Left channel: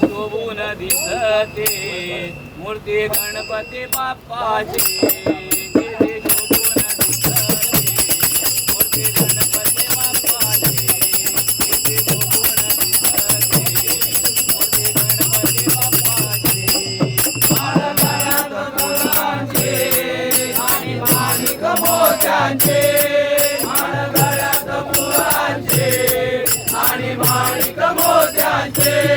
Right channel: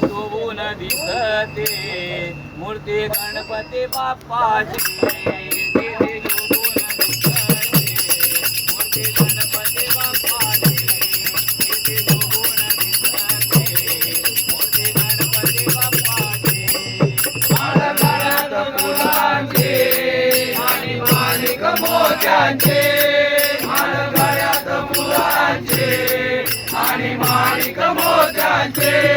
शोभून दिसते. मूर्ती गणपती बाप्पाची. किती शोभून दिसते. मूर्ती गणपती बाप्पाची. किती शोभून दिसते. मूर्ती गणपती बाप्पाची. माळ फुलांचे आणि माणिक मोत्यांचे. मोत्यांचे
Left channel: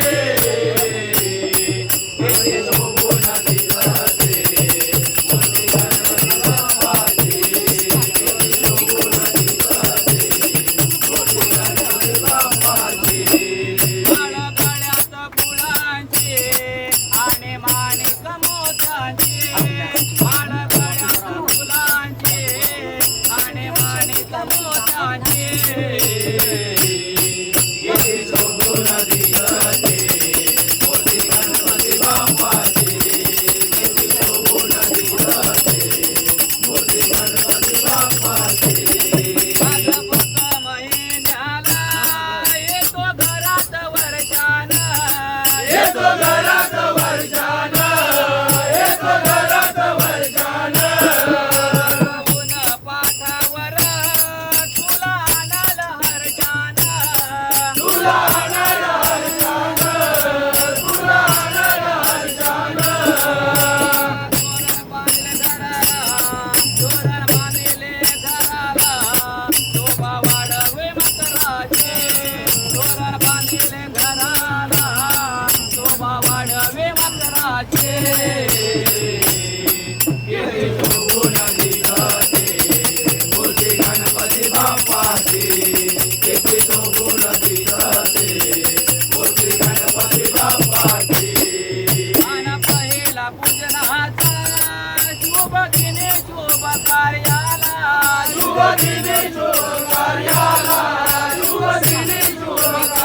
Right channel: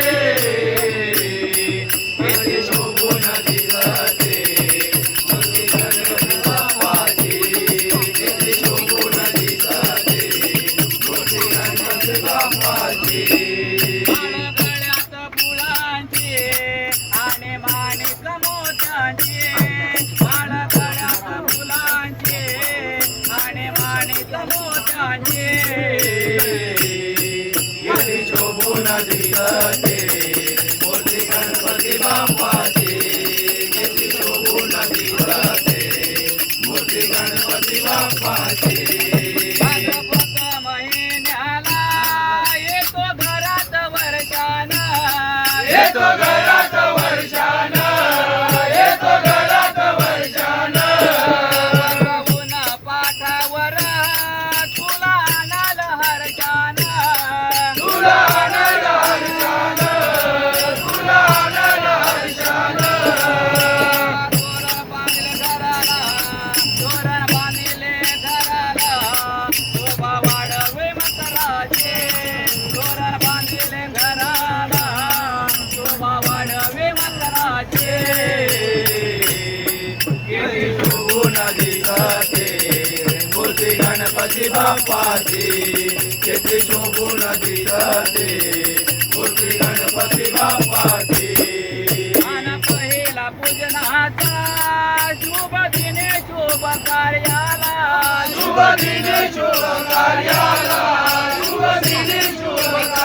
तोरण बांधले घराला. शोभा वाढवे मकराचे गणपती बाप्पाची. किती शोभून दिसते मूर्ती गणपती बाप्पाची. मान पहिला पूजनाचा शुभ दिने शुभ कार्याला. शुभ दिने शुभ कार्याला. शुभ दिने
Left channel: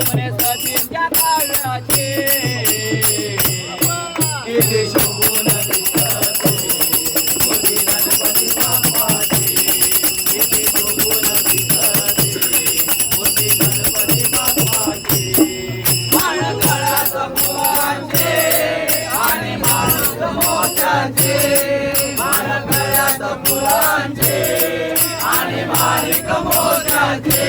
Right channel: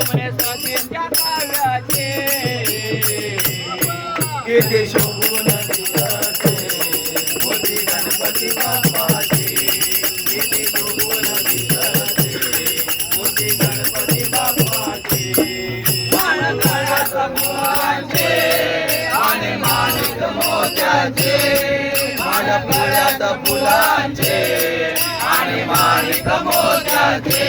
शोभने सचिनच्या काव्याचे किती शोभून गणपती बाप्पाचे किती शोभून मोठी गणपती बाप्पाचे मान काळाचा मुलांचे आणि माणूस मोत्याचे मान काळाचा मुलांचे आणि माणिक मोत्याचे